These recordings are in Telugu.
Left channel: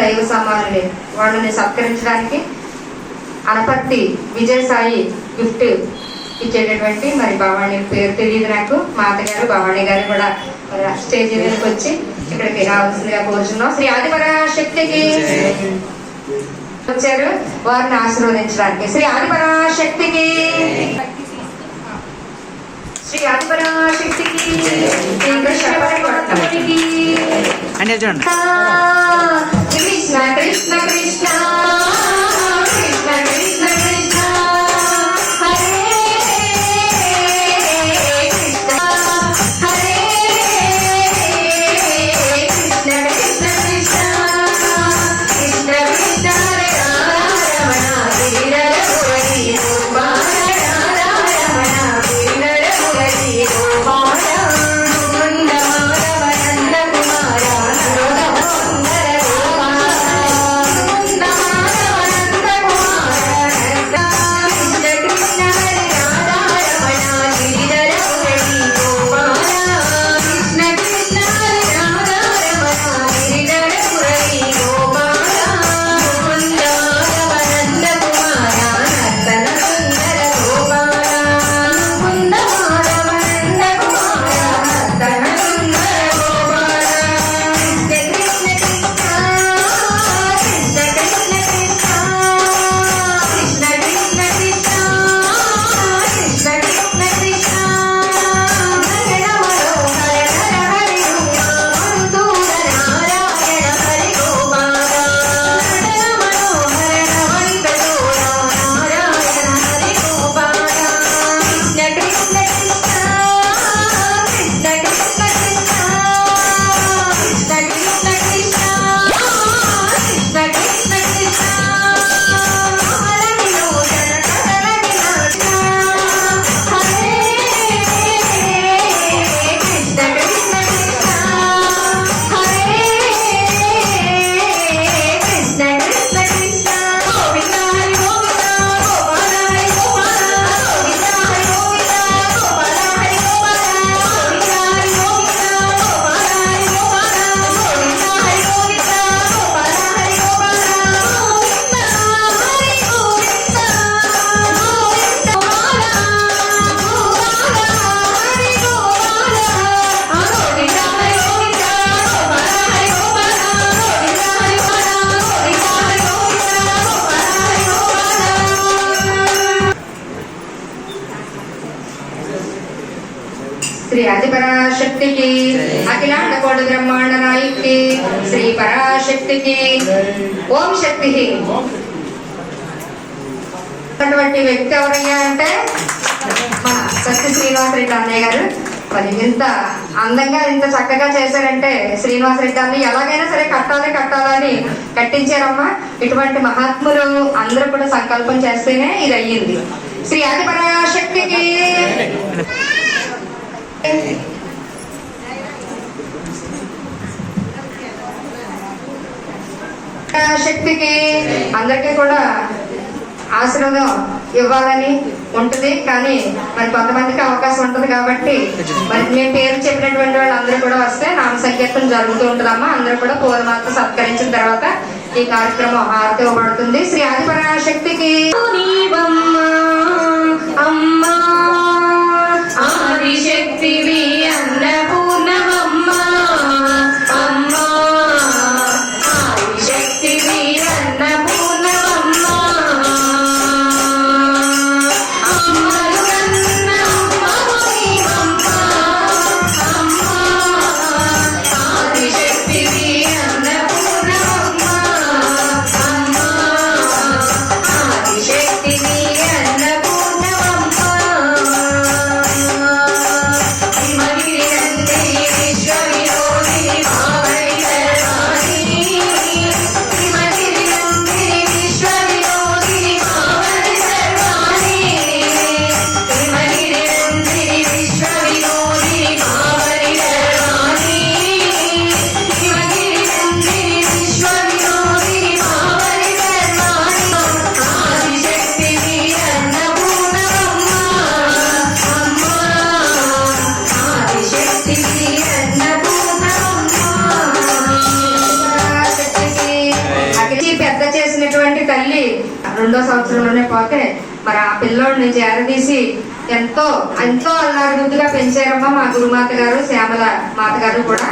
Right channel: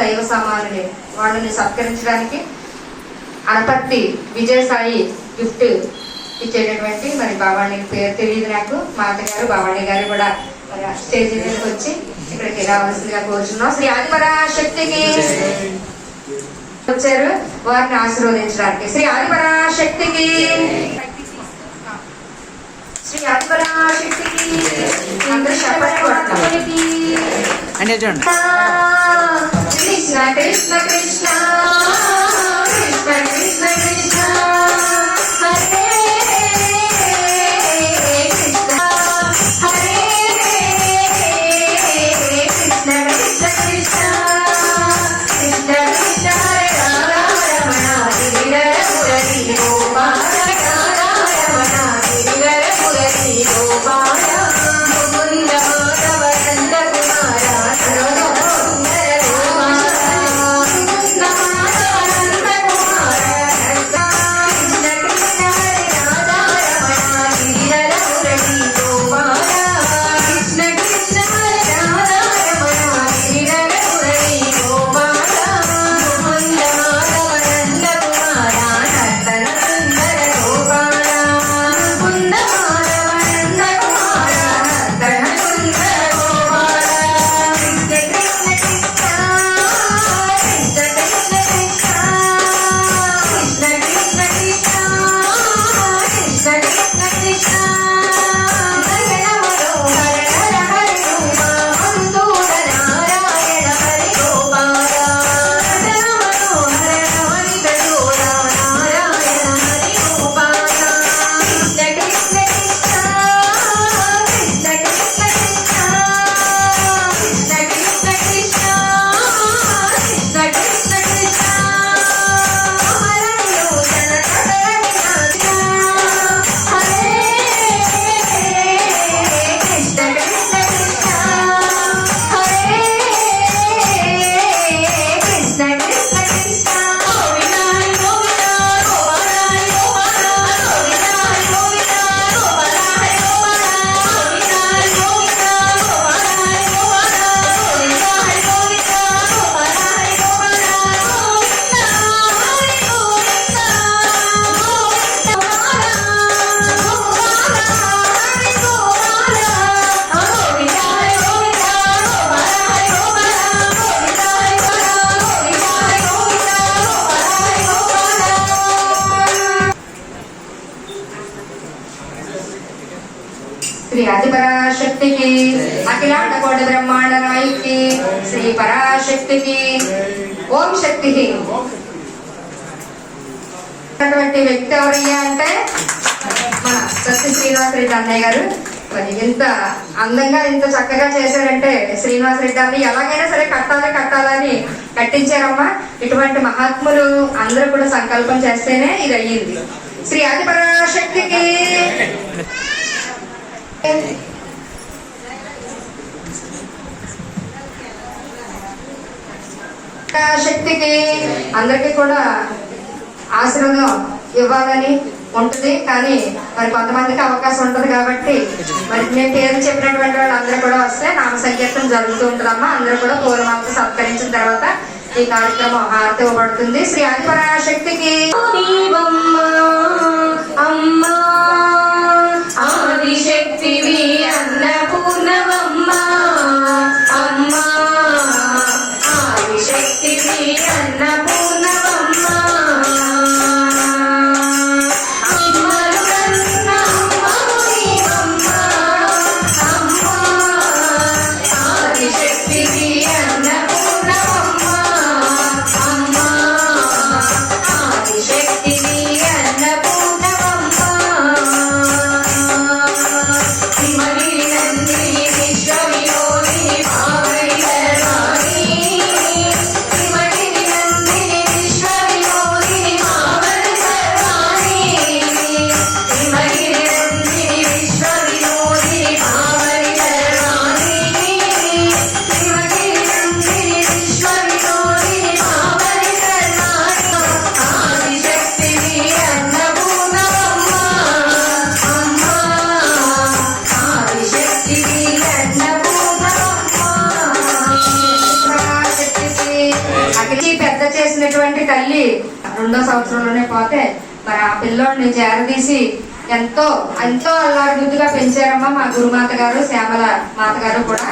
దైవ సమానులే వాళ్ళని సత్కరించడానికి అనపర్తి విజయసాయి గిఫ్ట్ ఇచ్చేటటువంటి మరి భవాణి పేరు తెలియదు నాకు. మాత గారు భవాణి గారు కూడా స్టేజ్ మీదకి వచ్చి ఇక్కడికి రావాల్సిందిగా కోరుచున్నాం. శ్రీ ఆదిపర శక్తికి వచ్చారు. వారిని ఆశీర్వదించడానికి. శ్రీ ఆదిపర శక్తికి అంటే చూడండి. కృష్ణ కృష్ణ కృష్ణ కృష్ణ అటువంటి వ్యక్తి ఎవరయ్యా అంటే మన సత్య శ్రీనివాస రెడ్డి అన్నయ్య గారు. మరి ఇంత అందంగా ఇంత చక్కగా చేశారంటే శ్రీనివాస్ రెడ్డి అన్ని ఎలాగైనా సరే కట్టాలి కట్టాలని కట్టించారమ్మా. ఇటువంటి మహాత్ములు అందరూ కూడా సంకల్పం చేస్తేనే ఇది అయ్యింది శ్రీ ఆదిపరాశక్తికి శక్తికి అందరికీ కూడా ఆశ్రమం ఇవ్వాలని ఉంటుంది. కానీ మరి కొంతమందికి అవకాశం ఉంటుంది కాబట్టి మరి మేము పేరు చెప్పినటువంటి వాళ్ళు అందరూ కూడా వస్తే నామ సంకీర్తం జరుగుతూ ఉంటుందమ్మా. అందరూ కూడా పూర్వమాత సత్కరించిన తర్వాత ఈ కార్యక్రమం హారతి ఇవ్వబడుతుంది. శ్రీ ఆదిపరాశక్తికి సంవత్సరంలోనే పోతే మరి ఆ పిల్లోడిని చేరదీసి ఎంతో ఎంతో అల్లారుముద్దుగా పెంచారమ్మా మా గురుమాత గారు శ్యామల మాత గారు కూడా.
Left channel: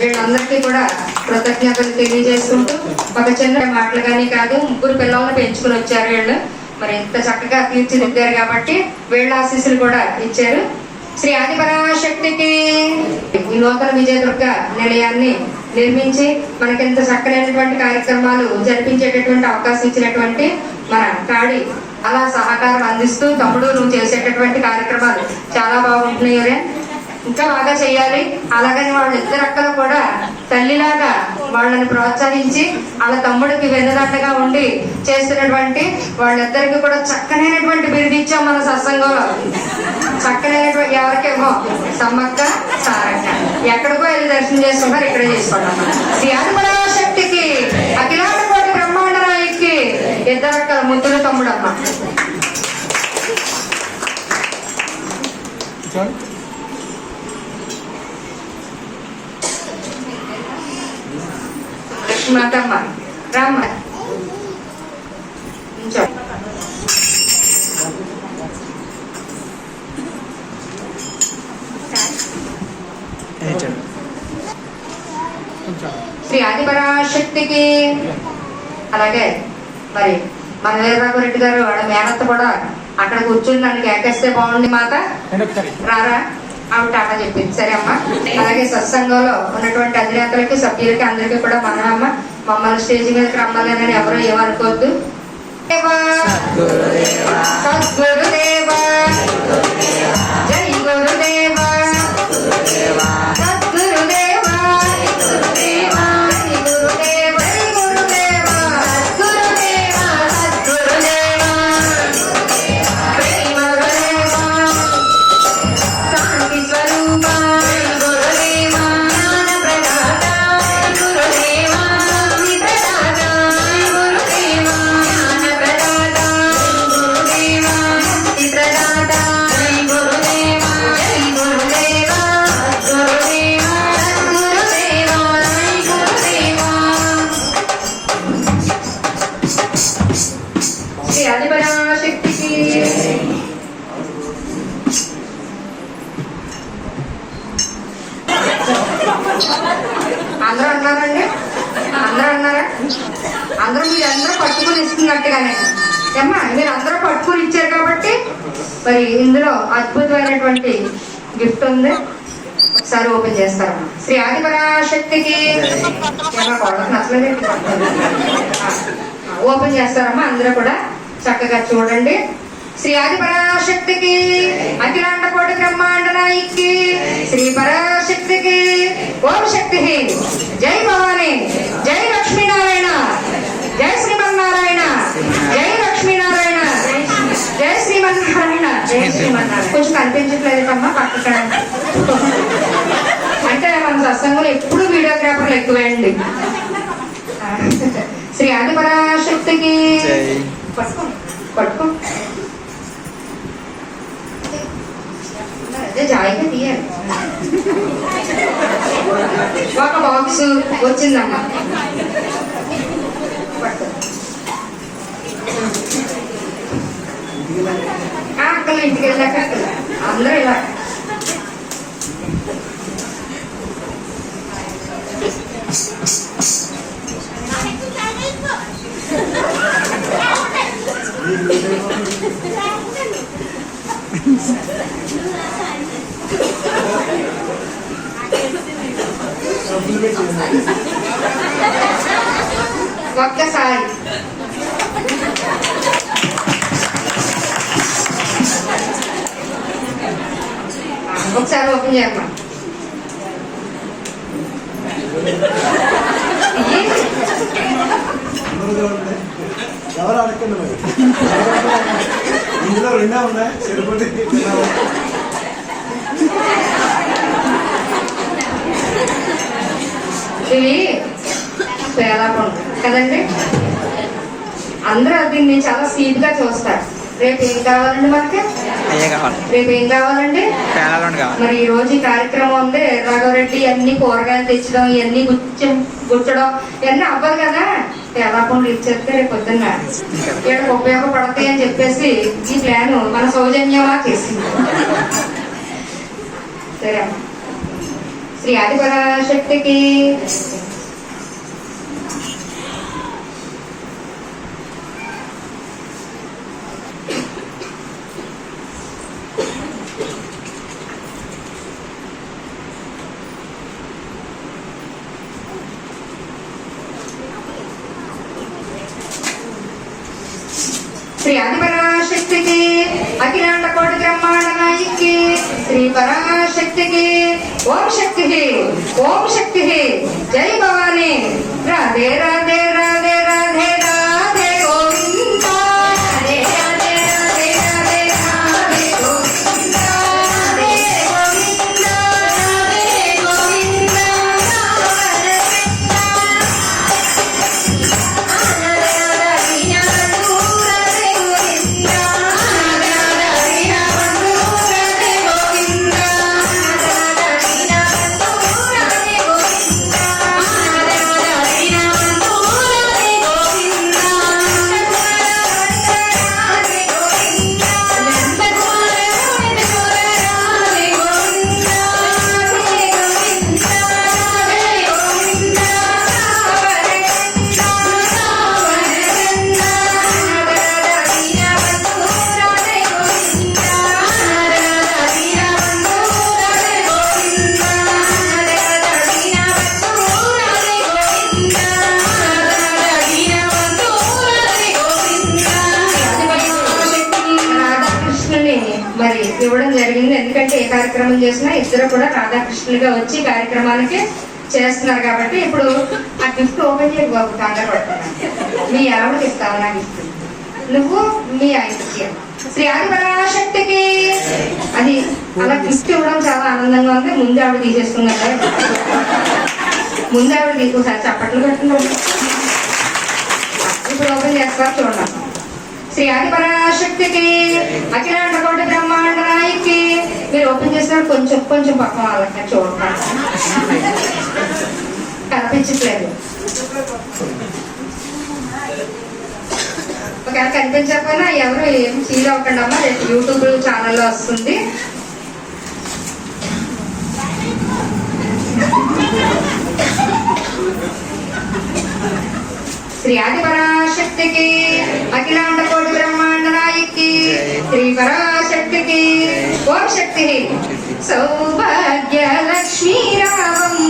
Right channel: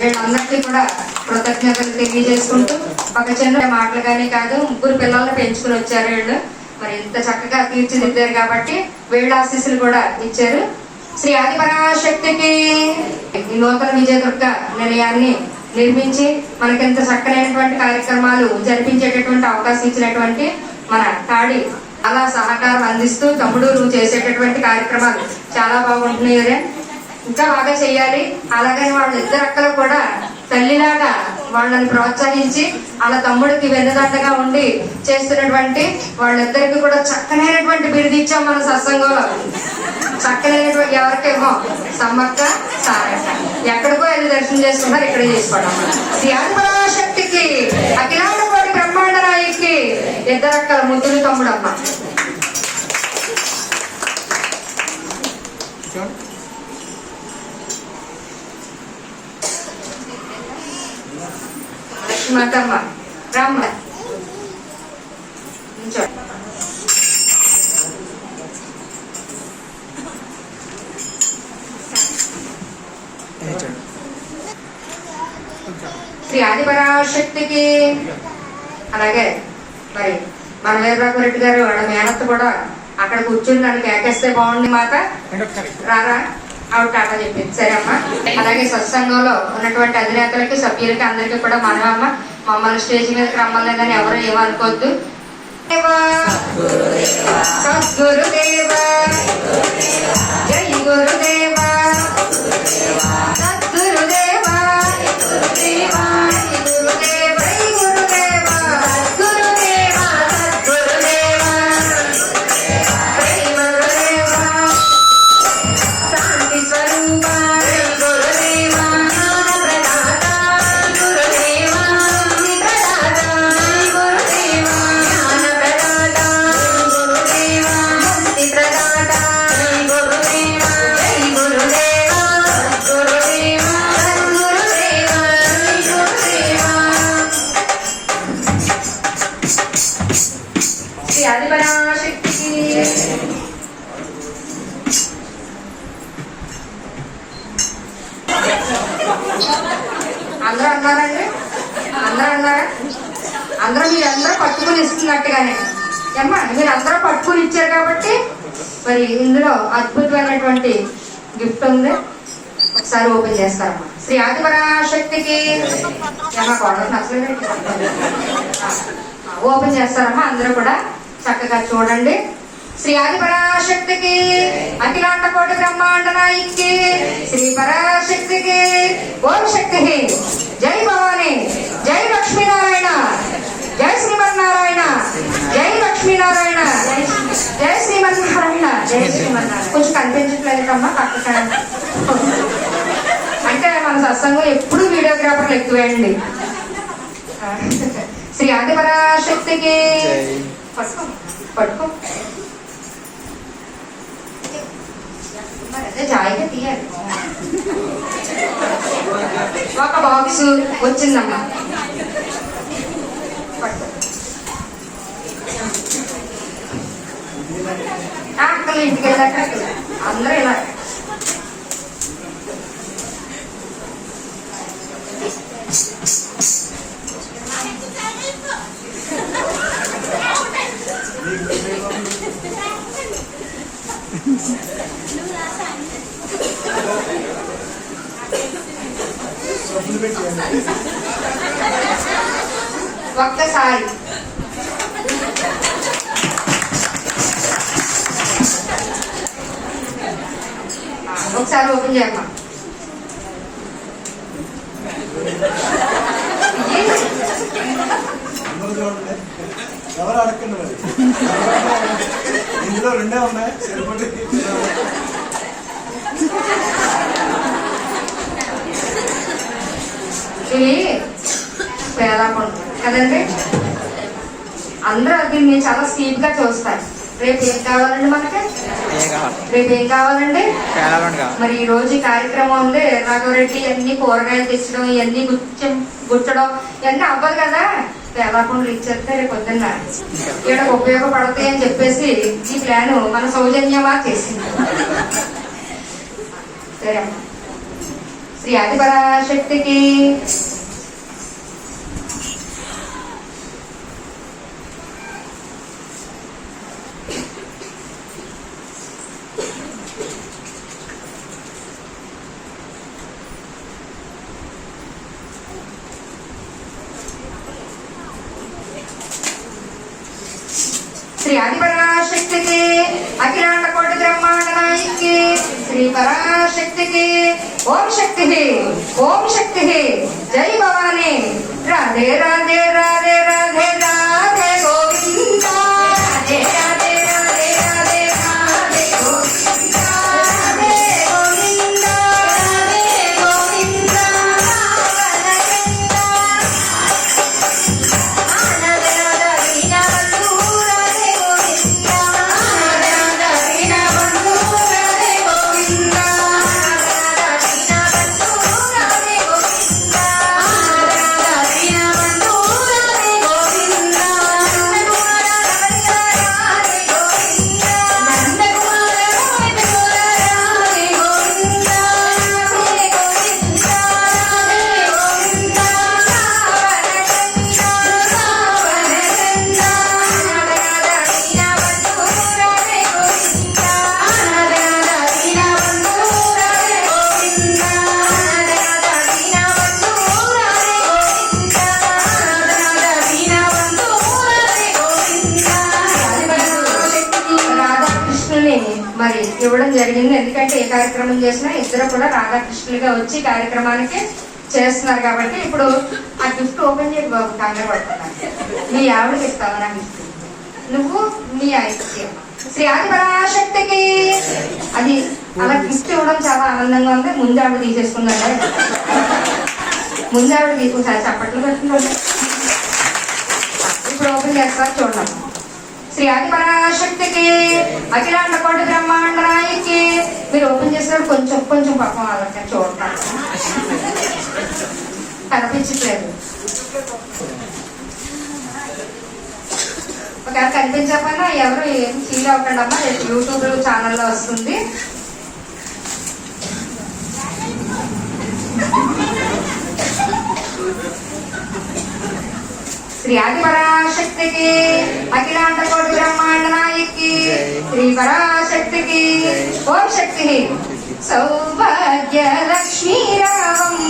వీళ్ళందరికీ కూడా కృతజ్ఞతలు తెలియజేసుకుంటూ ఒక చిన్న మాటలు కానీ కాదు ముగ్గురు పిల్లల్ని పెంచుకుని వచ్చారు వీళ్ళు. మరి ఇంత చక్కగా తీర్చిదిద్దారు కాబట్టి వీళ్ళ ఆశీస్సులు కూడా ఇచ్చారు. శ్రీ ఆది పరాశక్తికి నూతన విజయదుర్గ నిలయాన్ని నిర్మించి మనకింత చక్కనైనటువంటి కార్యక్రమాలు జరిపించేటటువంటి అవకాశం ఇచ్చినటువంటి మన కాడి అలా సహకారం అందిస్తూ తమ్ముడు నువ్వు చేసేటటువంటి కార్యక్రమాలు చాలా బాగుంటున్నాయి ఒరే. ఇంకా బాగా చేయాలి అలాగని వాళ్ళ ఇద్దరు అక్కలు కూడా తల్లిలాగా వాళ్ళని ప్రోత్సహించి వాళ్ళ తమ్ముడికి వెన్నుదండగా ఉండి చేస్తున్నటువంటి వాళ్ళిద్దరికి కూడా చక్కనైనటువంటి బిరుదు ఇచ్చాం మన సత్సంగంలో. చక్కనైనటువంటి ఎవరికేమో సమ్మక్క సారక్క. ఎక్కడికో వెళ్ళి దర్శనం చేసుకుంటారు ఇక్కడే చేసుకోవడం. ధ్యాన శక్తికి అఖిలాండ కోటి బ్రహ్మాండ రాయికి ఇద్దరు అక్కల ముద్దులు తమ్ముడమ్మ లక్ష్మణమ్మ రామ్మ నించో. అదే చూడండి శ్రీ ఆదిపరాశక్తికి అలాగే మరి మన వీరరాఘవరెడ్డి గారు వాళ్ళ మేనత్త కూడా. అక్కడ కూర్చుని నన్ను కేకేస్తే బాగుంది మాట రారా? ఆవిడ టాటా చెప్పింది. సరే అమ్మా. అలాగే సత్సంగంలో ఉన్నటువంటి అధినేతలకి సభ్యులకి అందరికీ కూడా మనమమ్మ మమ్మల్ని స్టేజ్ మీదకి రమ్మలేదని ఎవరు ఏమనుకోవద్దు. దేవా, సద్గురుదేవా. జై గురుదేవా. సద్గురుదేవా. గురుదేవా. అందరూ అన్నారండి? అందరూ అన్నారా? అందరూ మీరందరూ పట్టుకుని ఇస్తున్నట్టుగానే. ఏమ్మా మీరు అందరూ పట్టుకుని ఇచ్చారు కాబట్టి మరి ఇందులో అద్భుతమైనటువంటి గిఫ్ట్ ఉంది. ఒకసారి ఓపెన్ చేస్తారమ్మా శ్రీ ఆదిపరాశక్తికి. ఏమన్నా నచ్చలేదు ఓపెన్ చేస్తారమ్మా అందరూ కూడా చక్కగా చూడండి. శ్రీ ఆది పరాశక్తికి అఖిలాండ కోటి బ్రహ్మాండ నాయికి శ్రీ పరాశక్తికి ఓం శక్తి జై భవాని జై లక్ష్మీనారాయణ జై శ్రీమన్నారాయణ జై లక్ష్మీనారాయణ జై శ్రీమన్నారాయణ జై శ్రీమన్నారాయణ. కొంచెం కనిపించట్లేదమ్మా పక్కన అంటే మన సత్సంగం ఎప్పుడు వీడియోగ్రాఫర్లు ఎక్కువేయండి. శ్రీ ఆదిపరాశక్తికి జై. పట్టుకో పట్టుకో. అదే జాయిగా తీయాలి ఒక బాక్స్ వచ్చిందమ్మా పట్టుకో. ఆ, అక్కలు ఇంటికి వెళ్ళాక అక్కలు. అందరూ ఇలా ఒక్కసారి ఆ, ఒకసారి ఓపెన్ చేయమ్మా ఇయ్యి. ఎవరు అడగండి మరి ఇందులో రెండే ఉన్నాయి తిరుపతి ఇవి పేలాపం కదండి? అందరూ దీన్ని చాలా స్వీట్గా చూస్తారు. రేపు ఏం కావాలండి మనకి? రేపు ఏం కావాలండి? మరి ఈ రోజు ఈ కార్యక్రమం ఉంది. రాఘవరెడ్డి అన్ని కూరగాయలు తెచ్చడం ఇవన్నీ గుచ్చ గుచ్చడం ఇవన్నీ అవ్వదు కదా? పేదకుండా ఇచ్చేస్తే రేపు పొద్దున్న ఇక్కడ ఉపయోగపడతాయి అని చెప్పేసి ఈ ప్లాన్ మన సౌజన్యమా చేసింది. సరే శ్రీ ఆదిపరాశక్తికి శ్రీ ఆదిపరాశక్తికి అఖిలాండ కోటి బ్రహ్మాండ నాయకి శ్రీ పరాశక్తికి. ఓం శక్తి ఓం శక్తి జై భవానీ. రాధే రాధే రాధే రాధే రాధే. ఇవ్వడం జరిగింది. ఎందుకంటే ఏ కార్యక్రమం చేసినా ఇద్దరు కూడా రాధాకృష్ణులుగా వచ్చి కార్యక్రమానికి చేస్తున్నారు కాబట్టి ఇప్పుడు ఆ గిఫ్ట్ ఓపెన్ చేయ బాబు కంగారు పడుతున్నాను మీ ఆవిడకి ఇస్తావు? నా గిఫ్ట్ నువ్వు మీ ఆయనకి శ్రీ ఆదిపరాశక్తికి. అది అలా గిఫ్ట్ ఇవ్వడం చాలా ఆనందంగా ఉంది. ముందు ఆవిడ తీసేసుకుందా ముందు ఆవిడ తీసుకోసారి చప్పట్లు పెట్టుకుంటాం ఇప్పుడు ఓపెన్ చేస్తారు చూడండి. శ్రీ ఆదిపరాశక్తికి అఖిలాండ కోటి బ్రహ్మాండ నాయకి మీరు ఓపెన్ చేస్తారు కొంచెం కొంచెం పక్కన వాళ్ళకి చూడండి కనిపించట్లేదు. ఒకవేళ కనిపించకపోయినా ఎవరు ఏం ఫీల్ అవ్వకండి అమ్మా రేపు యూట్యూబ్ ఛానల్లో వస్తుంది. శ్రీ ఆది పరాశక్తికి అఖిలాండ కోటి బ్రహ్మాండ నాయకి శ్రీ పరాశక్తికి ఓం శక్తి సౌభాగ్య లక్ష్మీ రామమ్మ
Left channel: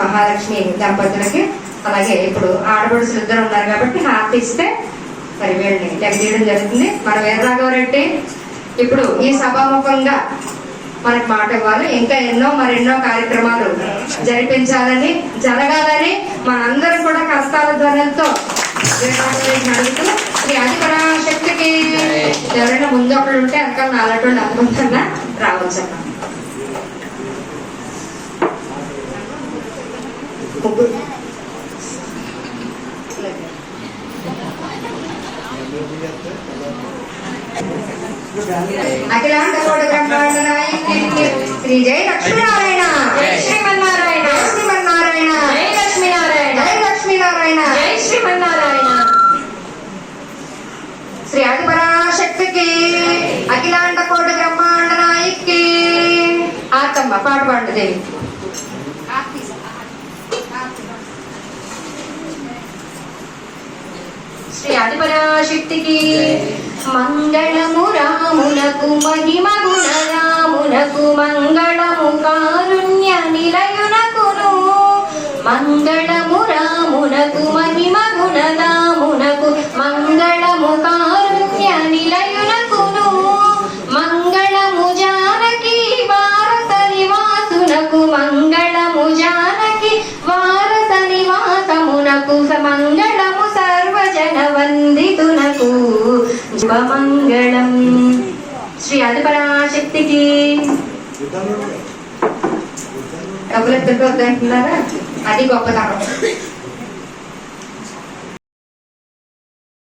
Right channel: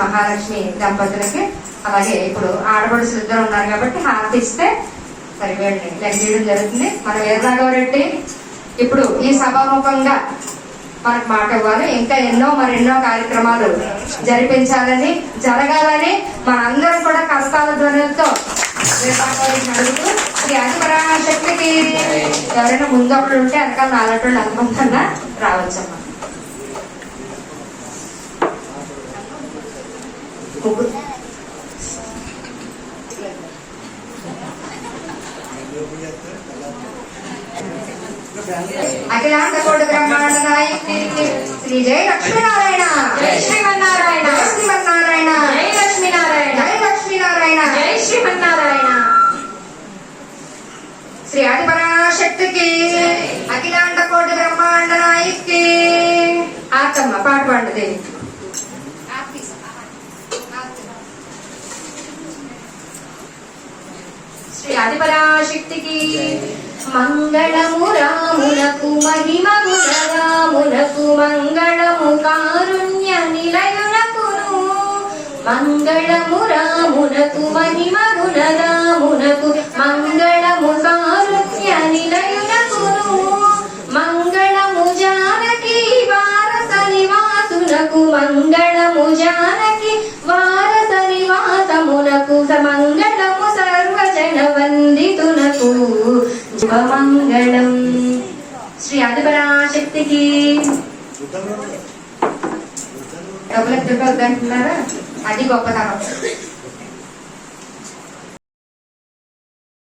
మహాలక్ష్మి దంపతులకి అలాగే ఇప్పుడు ఆడపడుచులు ఇద్దరు ఉన్నారు కాబట్టి హారతి ఇస్తే మరి వీళ్ళని లెక్క చేయడం జరుగుతుంది. మన వీరరాఘవరెడ్డి ఇప్పుడు ఈ సభాముఖంగా మనకు మాట ఇవ్వాలి. ఇంకా ఎన్నో మరి ఎన్నో కార్యక్రమాలు జరిపించాలని జరగాలని మనందరం కూడా కష్టాల ధ్వనులతో వీరరాఘవరెడ్డిని శ్రీ ఆదిపరాశక్తికి ఎవరైనా ముందు ఒకళ్ళు ఉంటే అక్క నాలుగు అనుకుంటున్నా? రావచ్చమ్మా ముగ్గురు అఖిలాండ కోటి బ్రహ్మాండ శ్రీ జయ లక్ష్మీనారాయణ జై శ్రీమన్నారాయణ. జై శ్రీమన్నారాయణ జై లక్ష్మీనారాయణ జై లక్ష్మీనారాయణ. జై శ్రీమన్నారాయణ శ్రీ ఆదిపరాశక్తికి అఖిలాండ కోటి బ్రహ్మాండ నాయకి ఆతమ్మ పాట పాడు దేవి శ్రీ ఆదిపరాశక్తికి మంగళము రామునకు మహిమ గుణరామునకు మంగళము కారుణ్య నిలయునకును. మంగళము రామునకు మహిమ గుణరామునకు మంగళము యుద్ధంలో డబ్బులకు అది గొప్పతనం.